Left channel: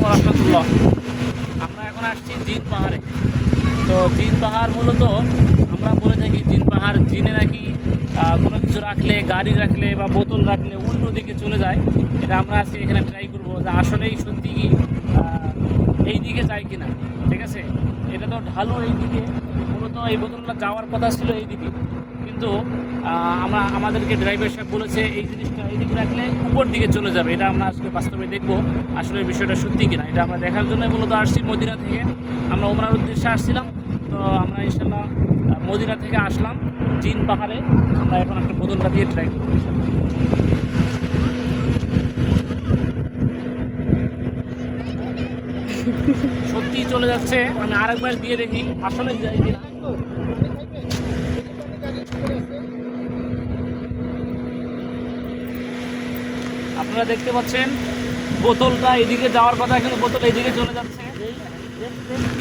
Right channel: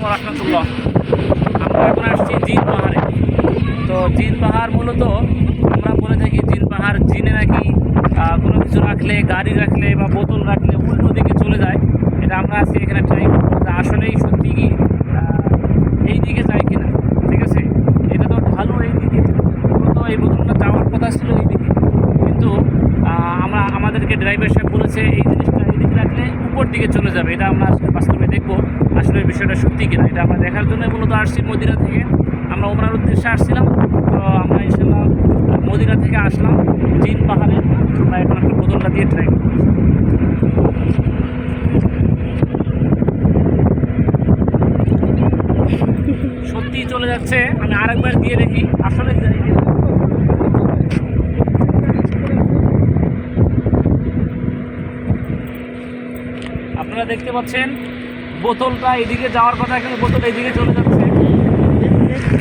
আলাইকুম রহমতুল্লাহ। আমরা এখন আসছি জিন পাহাড়ে। তো জিন পাহাড় মূলত আমরা বলে থাকি জিন পাহাড়, জিনে নাকি কোনো কিছু রাখলে, গাড়ি রাখলে বা বোতল রাখলে উল্টো দিকে চলে যায়। এটা আমরা আজকে এখানে ট্রাই করবো যে আসলেই সত্যি কি এই দিকে যায় কিনা। ঠিক আছে, এটা তো ভালো এই দিকে, মূলত এই বোতলটা যাওয়ার কথা ছিল এই দিকে, কিন্তু আমাদেরকে ড্রাইভার সাহেব বলেছে এই জিনিসটা এই দিকে রাখলে উপর দিকে চলে যাবে। এটা আমরা আজকে বাস্তবে দেখবো আসলে বিষয়টা সত্যি কিনা। এটা আমরা দেখার জন্য মূলত আসছি মদিনা থেকে। আমরা ওমরার উদ্দেশ্যে আসছিলাম, তো আমরা ইনশাল্লাহ মদিনা থেকে আসলাম জিন পাহাড়ে। আমরা এখন একটা বোতলটা দিয়ে ট্রাই করবো। সত্যিই চলে যাচ্ছে, আমি আরেকবার দিয়ে দেখি আসলে যাই কিনা। আপনারা দেখতে পাচ্ছেন বোতলটা এদিকে যাওয়ার কথা, কিন্তু বোতল এদিকে চলে যাচ্ছে।